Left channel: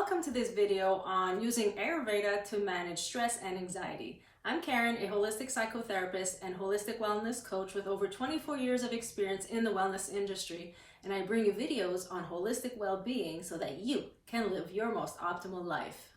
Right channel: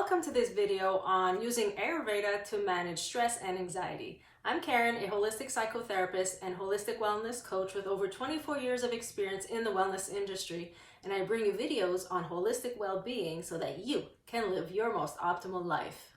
Welcome to this video on using Ayurveda to manage stress and anxiety. I'm Karen, a holistic psychotherapist and holistic wellness coach with over 24 years of experience in the wellness industry, and I bring you videos on holistic well-being so that you can live your most optimal life.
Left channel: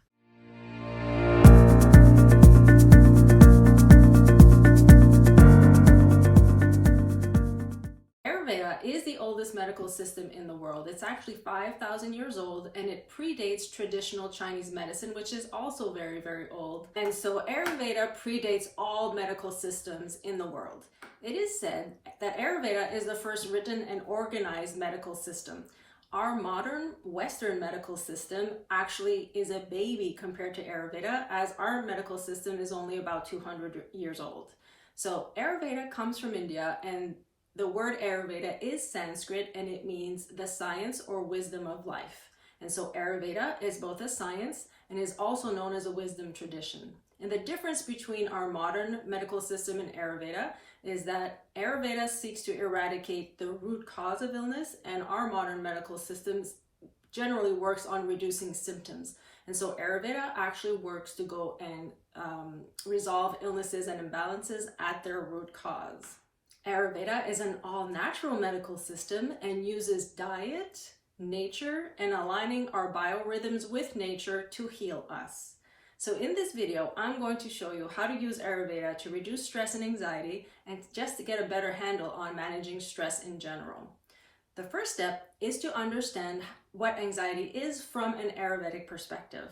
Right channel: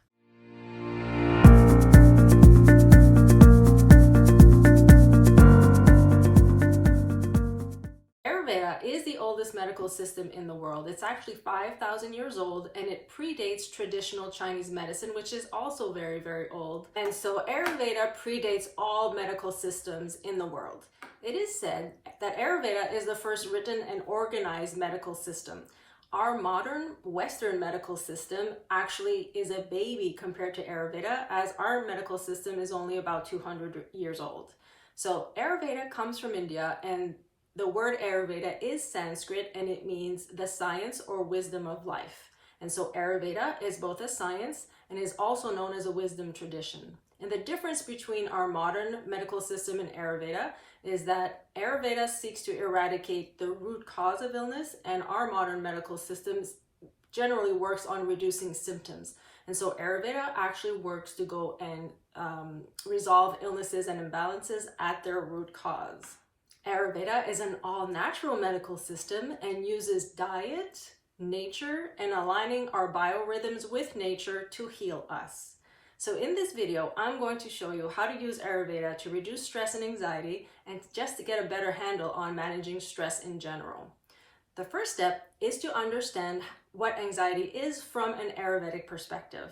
Ayurveda is the oldest medical system in the world. It's actually 5,000 years old, and it predates traditional Chinese medicine, which is also very, very old. And so Ayurveda predates all medical systems in the world. It is said that Ayurveda is the first written and organized medical system. Our modern Western medical system actually is a baby compared to Ayurveda, as our medical system is only about 200 years old. So Ayurveda comes from India, and the word Ayurveda is Sanskrit, and it means the science or wisdom of life. And so Ayurveda is both a science and is also known as a wisdom tradition. And the difference between our modern medical system and Ayurveda is that Ayurveda seeks to eradicate the root cause of illness, and our modern medical systems generally works on reducing symptoms. And so Ayurveda actually works to go and resolve illnesses and imbalances at their root cause. Ayurveda is an all-natural medical system and uses diet, nature, and aligning our biorhythms with nature to heal us. So in this video, I'm going to show you how to use Ayurveda to reduce stress and anxiety, and just to get a better handle on managing stress in general. The first step is to understand what anxiety is from an Ayurvedic perspective.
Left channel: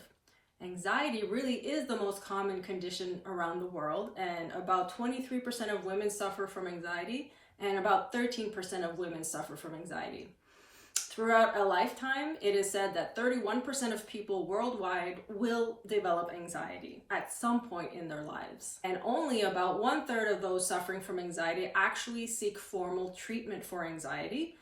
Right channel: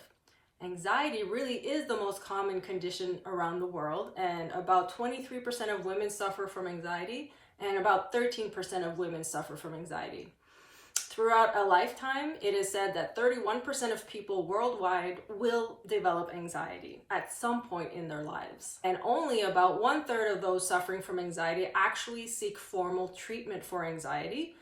Anxiety really is the most common condition around the world, and about 23% of women suffer from anxiety, and about 13% of women suffer from anxiety. Throughout a lifetime, it is said that 31% of people worldwide will develop anxiety at some point in their lives. And only about 1/3 of those suffering from anxiety actually seek formal treatment for anxiety.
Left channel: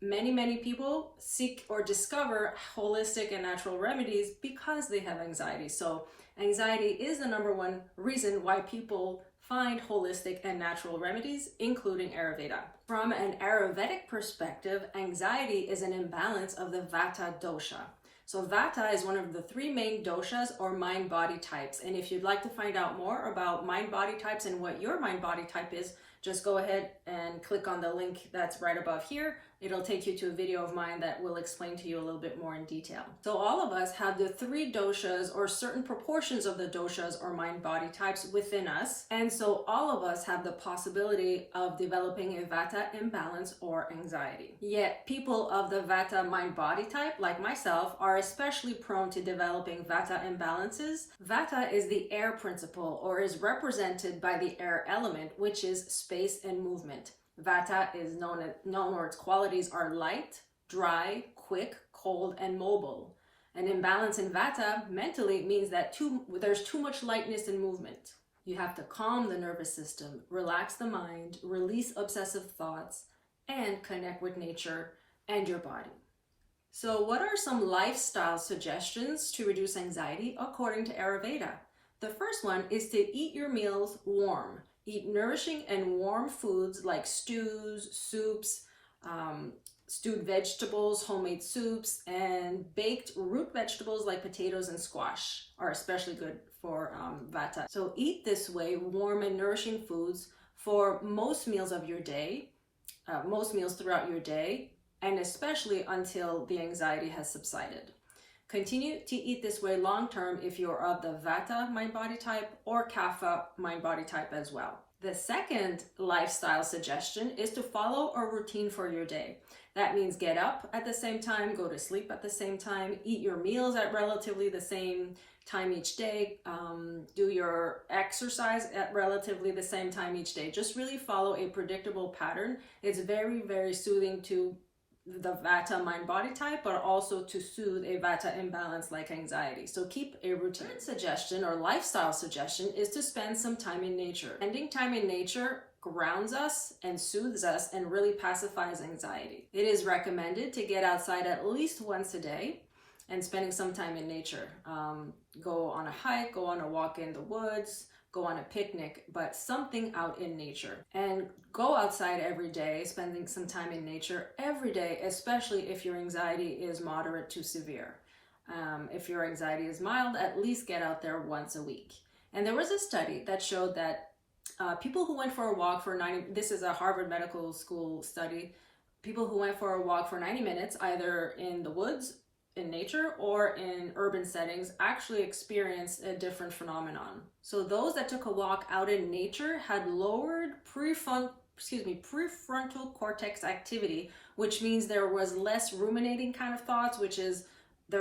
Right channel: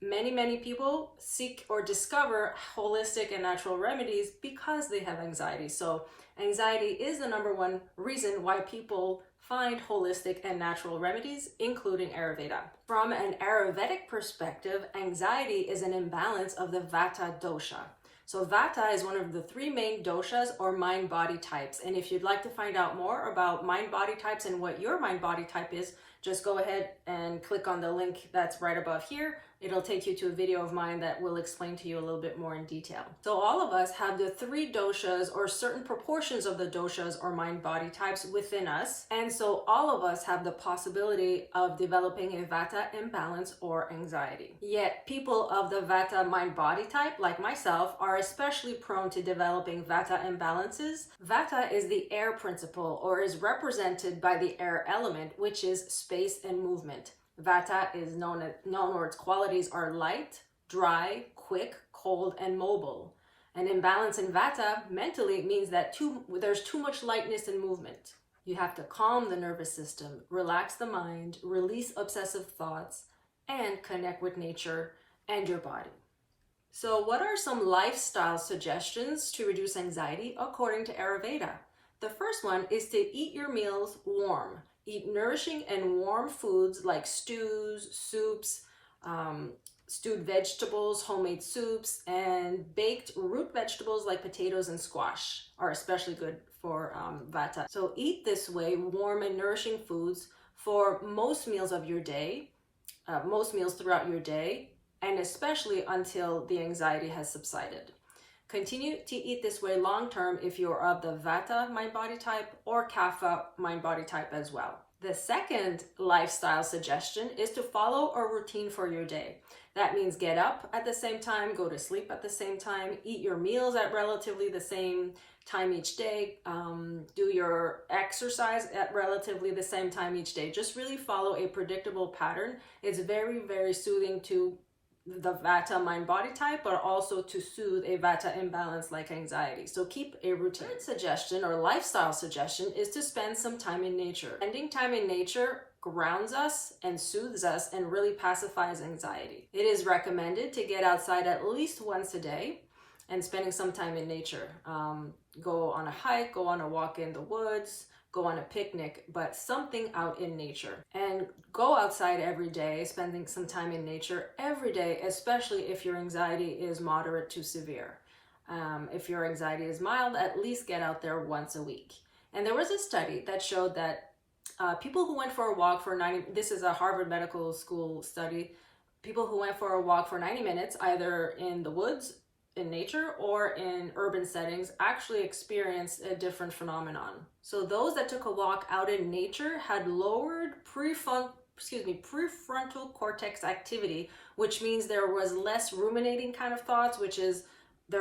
Many people seek or discover holistic and natural remedies because they have anxiety. So anxiety is the number one reason why people find holistic and natural remedies, including Ayurveda. From an Ayurvedic perspective, anxiety is an imbalance of the Vata dosha. So Vata is one of the three main doshas or mind-body types. And if you'd like to find out more about mind-body types and what your mind-body type is, just go ahead and click on the link that's right above here. It'll take you to a video of mine that will explain to you a little bit more in detail. So all of us have the three doshas, or certain proportions of the doshas or mind-body types within us. And so all of us have the possibility of developing a Vata imbalance or anxiety. Yet people of the Vata mind-body type, like myself, are especially prone to developing Vata imbalances. Vata is the air principle, or is represented by the air element, which is space and movement. Vata is known or its qualities are light, dry, quick, cold, and mobile. An imbalance in Vata mentally means that there's too much lightness and movement. You have to calm the nervous system, relax the mind, release obsessive thoughts, and connect with nature and your body. So what are some lifestyle suggestions to reduce anxiety according to Ayurveda? The first one is to eat your meals warm. Eat nourishing and warm foods like stews, soups, stewed vegetables, homemade soups, and baked root vegetables like potatoes and squash are especially good for Vata. So eat this way, warm and nourishing foods for most meals of your day, most meals throughout your day, and especially until the anxiety has subsided. Continue to eat this way long term if you're of the Vata mind-body type or Kapha mind-body type as well. The second lifestyle suggestion is to follow a routine for your day. That means get up at the same time, go to sleep at the same time, eat your meals at relatively the same time each day, do your exercise at relatively the same time each day. Just really follow a predictable pattern. It's very, very soothing to the Vata mind-body type, but also to soothe a Vata imbalance like anxiety. So keep a routine. Third suggestion or lifestyle suggestion is to spend some time in nature. Spending time in nature grounds us and soothes us and really pacifies anxiety. It is recommended to get outside at least once a day and spending some time in nature. Go on a hike, go on a walk in the woods, go on a picnic, but something out in nature. And go outside every day, spending some time in nature every day, especially if your anxiety is moderate to severe. If your anxiety is mild, at least get out there once a week. And there was a study that showed that people who went for a walk for 90, this is a Harvard Medical School study, people who went for a walk for 90 minutes, either in the woods, in nature, or in urban settings, actually experienced a different phenomenon. So those that took a walk out in nature had lowered prefrontal cortex activity, which means there was less ruminating kind of thoughts, which is the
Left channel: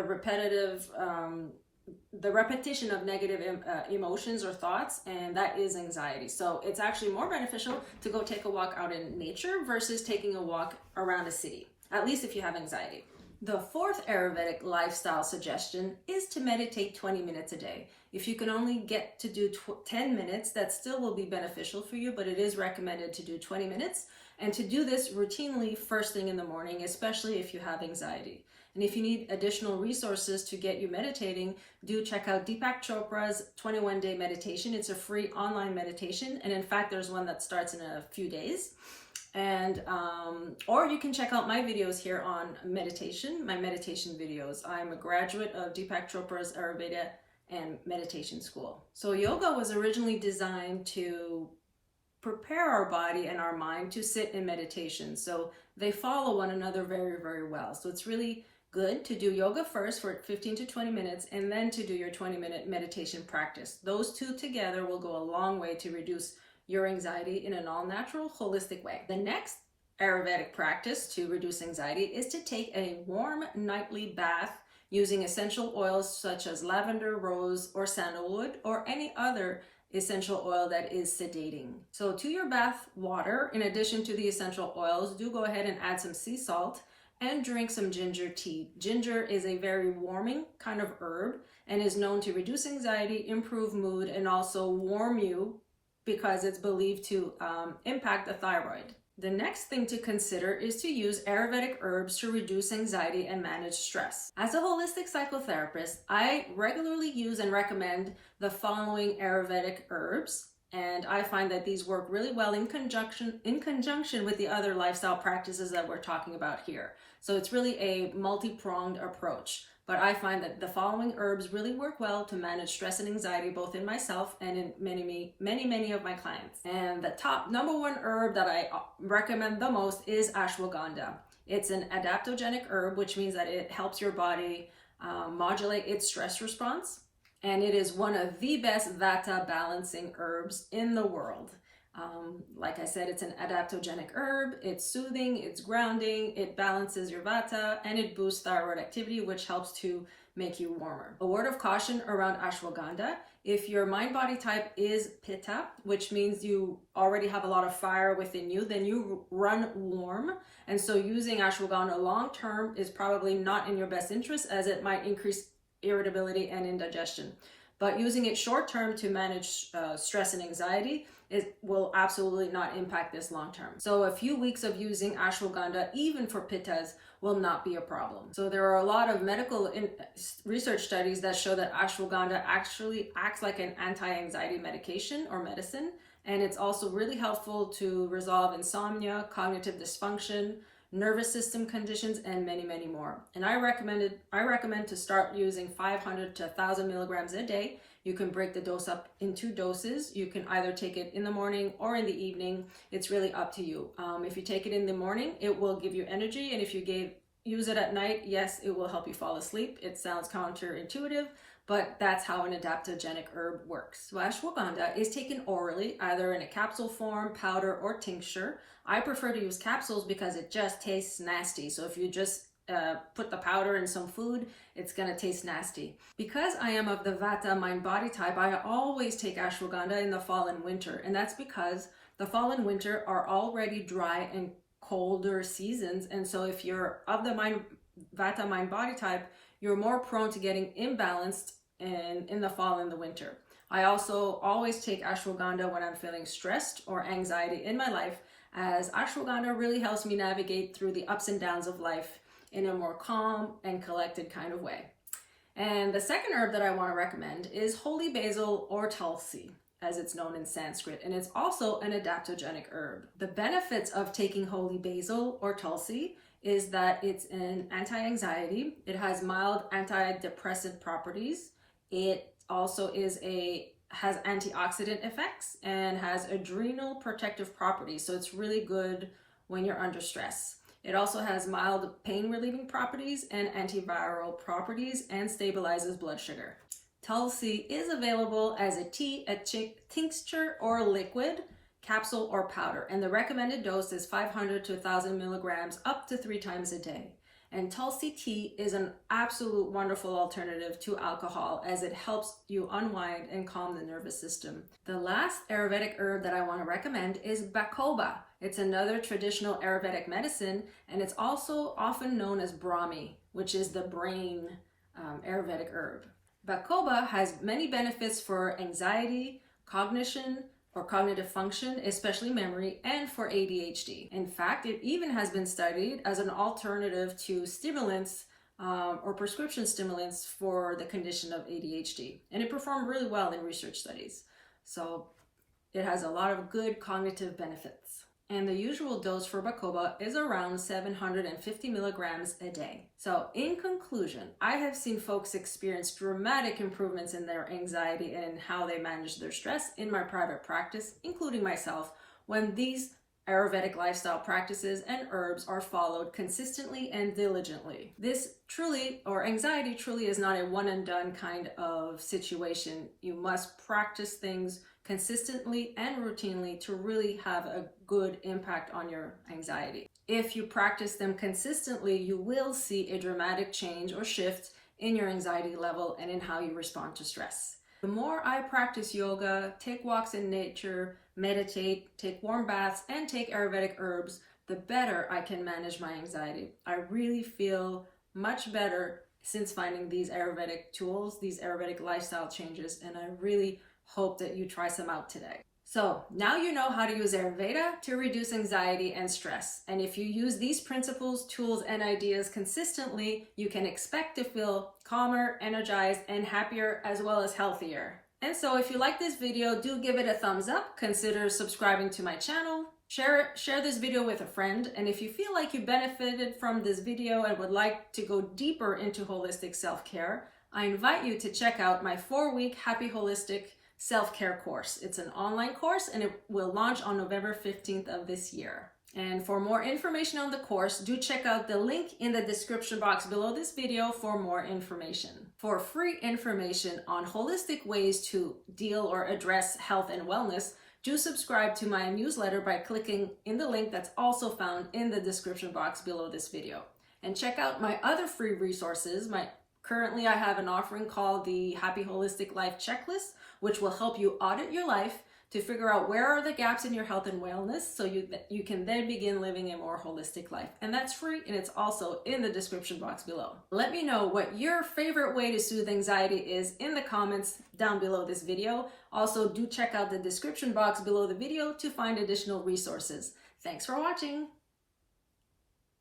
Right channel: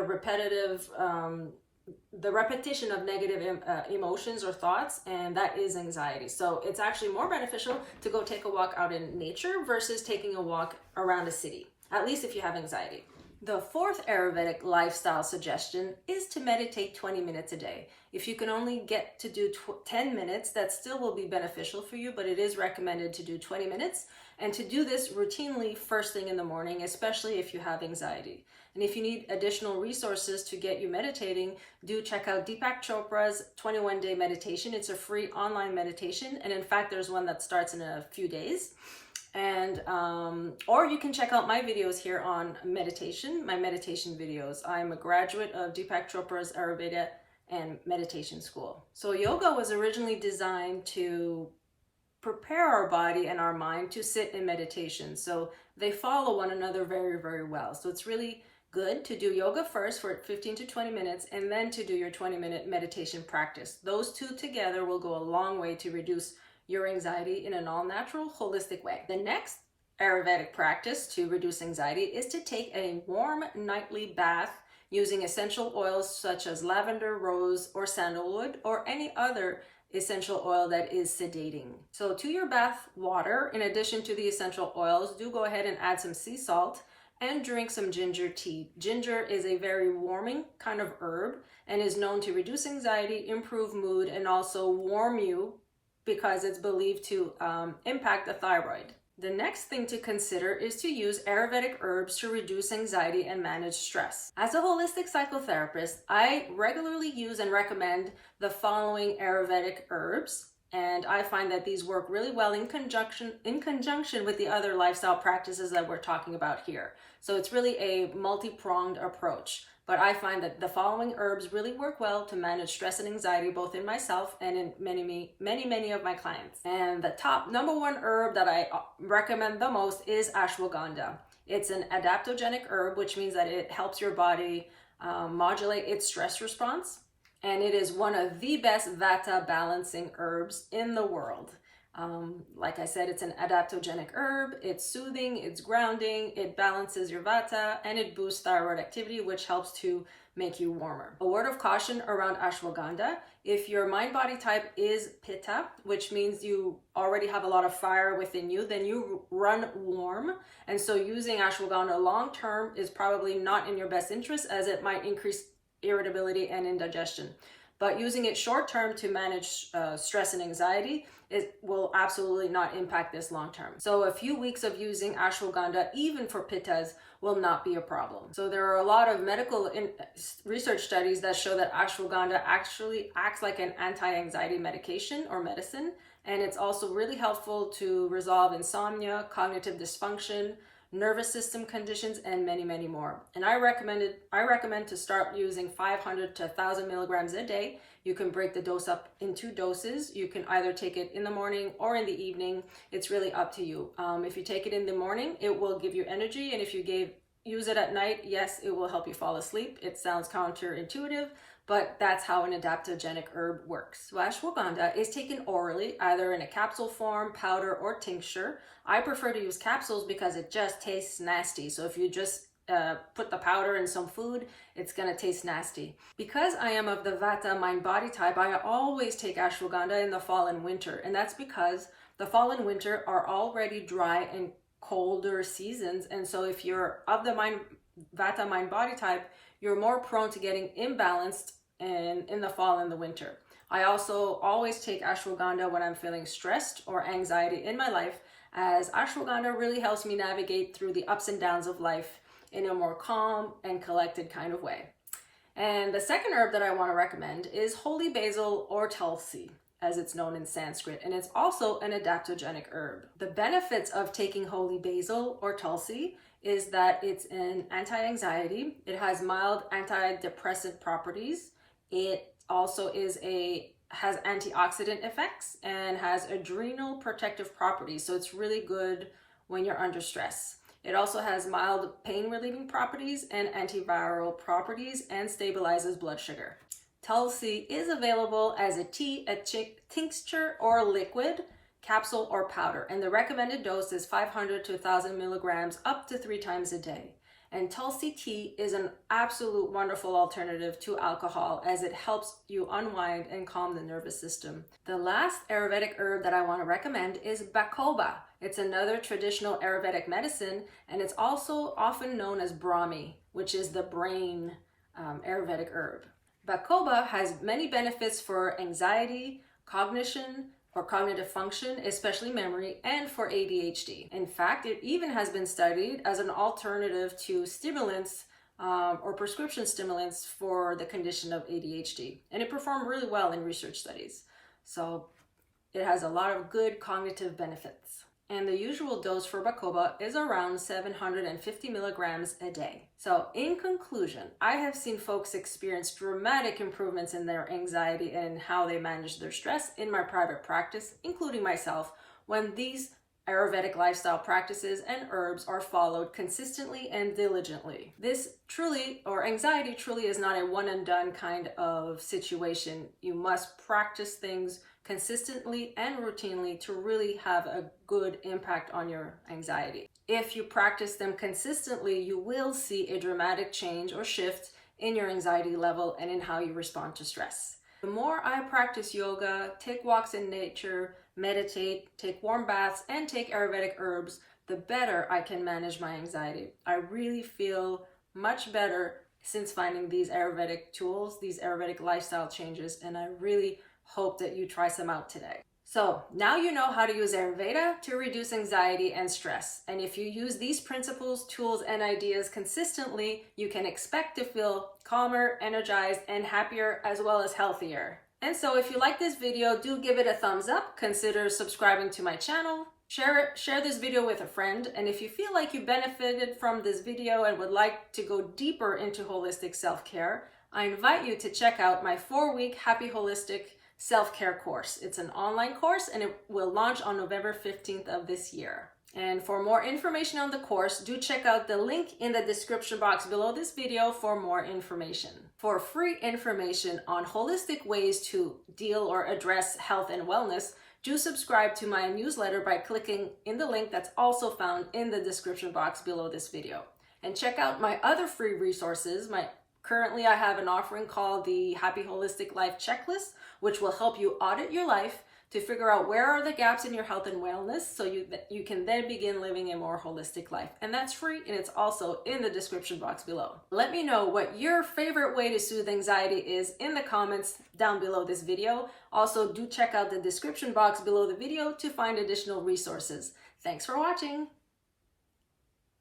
repetition of negative emotions or thoughts, and that is anxiety. So it's actually more beneficial to go take a walk out in nature versus taking a walk around a city, at least if you have anxiety. The fourth Ayurvedic lifestyle suggestion is to meditate 20 minutes a day. If you can only get to do 10 minutes, that still will be beneficial for you, but it is recommended to do 20 minutes, and to do this routinely first thing in the morning, especially if you have anxiety. And if you need additional resources to get you meditating, do check out Deepak Chopra's 21-day meditation. It's a free online meditation, and in fact, there's one that starts in a few days. And or you can check out my videos here on meditation, my meditation videos. I'm a graduate of Deepak Chopra's Ayurveda and meditation school. So yoga was originally designed to prepare our body and our mind to sit in meditation. So they follow one another very, very well. So it's really good to do yoga first for 15 to 20 minutes and then to do your 20-minute meditation practice. Those two together will go a long way to reduce your anxiety in an all-natural, holistic way. The next Ayurvedic practice to reduce anxiety is to take a warm nightly bath using essential oils such as lavender, rose, or sandalwood, or any other essential oil that is sedating. So to your bath water, in addition to the essential oils, do go ahead and add some sea salt and drink some ginger tea. Ginger is a very warming kind of herb and is known to reduce anxiety, improve mood, and also warm you, because it's believed to impact the thyroid. The next thing to consider is to use Ayurvedic herbs to reduce anxiety and manage stress. As a holistic psychotherapist, I regularly use and recommend the following Ayurvedic herbs, and I find that these work really well in conjunction with the other lifestyle practices that we're talking about here. So it's really a multi-pronged approach. But I find that the following herbs really work well to manage stress and anxiety, both in myself and in many of my clients. And the top number one herb that I recommend the most is ashwagandha. It's an adaptogenic herb, which means that it helps your body modulate its stress response. And it is one of the best vata balancing herbs in the world. Like I said, it's an adaptogenic herb, it's soothing, it's grounding, it balances your vata, and it boosts thyroid activity, which helps to make you warmer. A word of caution around ashwagandha: if your mind-body type is pitta, which means you already have a lot of fire within you, then you run warm. And so using ashwagandha long-term is probably not in your best interest, as it might increase irritability and indigestion. But using it short-term to manage stress and anxiety, it will absolutely not impact this long-term. So a few weeks of using ashwagandha, even for pittas, will not be a problem. So there are a lot of medical research studies that show that ashwagandha actually acts like an anti-anxiety medication or medicine. And it's also really helpful to resolve insomnia, cognitive dysfunction, nervous system conditions, and many more. And I recommend to start using 500 to 1,000 milligrams a day. You can break the dose up in 2 doses. You can either take it in the morning or in the evening. It's really up to you. If you take it in the morning, it will give you energy. And if you use it at night, yes, it will help you fall asleep. It sounds counterintuitive, but that's how an adaptogenic herb works. So ashwagandha is taken orally, either in a capsule form, powder, or tincture. I prefer to use capsules because it just tastes nasty. So if you just put the powder in some food, it's gonna taste nasty. Because I am of the vata mind-body type, I always take ashwagandha in the fall and winter. And that's because the fall and winter are already dry and colder seasons. And so if you're of the vata mind-body type, you're more prone to getting imbalanced in the fall and the winter. I also always take ashwagandha when I'm feeling stressed or anxiety in my life, as ashwagandha really helps me navigate through the ups and downs of life in a more calm and collected kind of way. And the second herb that I want to recommend is holy basil, or tulsi, as it's known in Sanskrit, and it's also an adaptogenic herb. The benefits of taking holy basil or tulsi is that it's an anti-anxiety. It has mild antidepressant properties. It also has antioxidant effects and has adrenal protective properties. So it's really good when you're under stress. It also has mild pain relieving properties and antiviral properties and stabilizes blood sugar. Tulsi is available as a tea, a tincture, or liquid, capsule, or powder. And the recommended dose is 500 to 1,000 milligrams up to 3 times a day. And Tulsi tea is an absolute wonderful alternative to alcohol as it helps you unwind and calm the nervous system. The last Ayurvedic herb that I want to recommend is Bacoba. It's another traditional Ayurvedic medicine, and it's also often known as Brahmi, which is the brain Ayurvedic herb. Bacoba has many benefits for anxiety, cognition, or cognitive function, especially memory, and for ADHD. In fact, it even has been studied as an alternative to stimulants or prescription stimulants for the condition of ADHD. And it performed really well in research studies. So it has a lot of good cognitive benefits. And the usual dose for Bacoba is around 750 milligrams a day. So in conclusion, I have seen folks experience dramatic improvements in their anxiety and how they manage their stress in my private practice, including myself, when these Ayurvedic lifestyle practices and herbs are followed consistently and diligently. Anxiety truly is not a one and done kind of situation. You must practice things consistently and routinely to really have a good impact on your anxiety. If you practice them consistently, you will see a dramatic change or shift in your anxiety level and in how you respond to stress. The more I practice yoga, take walks in nature, meditate, take warm baths, and take Ayurvedic herbs, the better I can manage my anxiety. I really feel much better since finding these Ayurvedic tools, these Ayurvedic lifestyle changes, and I really hope that you try some out today. So now you know how to use Ayurveda to reduce anxiety and stress. And if you use these principles, tools, and ideas consistently, you can expect to feel calmer, energized, and happier, as well as healthier. And so if you like this video, do give it a thumbs up. Consider subscribing to my channel. Share this video with a friend. And if you feel like you benefited from this video and would like to go deeper into holistic self-care, I invite you to check out my 4-week Happy Holistic Self-Care course. It's an online course and it will launch on November 15th of this year. And for more information on the course, do check out the link in the description box below this video for more information. For free information on holistic ways to deal or address health and wellness, do subscribe to my newsletter by clicking in the link that's also found in the description box below this video. And check out my other free resources. Currently, I have an offering called the Happy Holistic Life Checklist, which will help you audit your life to figure out where are the gaps in your health and wellness so you can then begin living a more holistic life. And that's free, and it's also in the description box below. Let me know what your favorite way to soothe anxiety is in the comments down below this video. Also, do check out the description box below the video to find additional resources. Thanks for watching.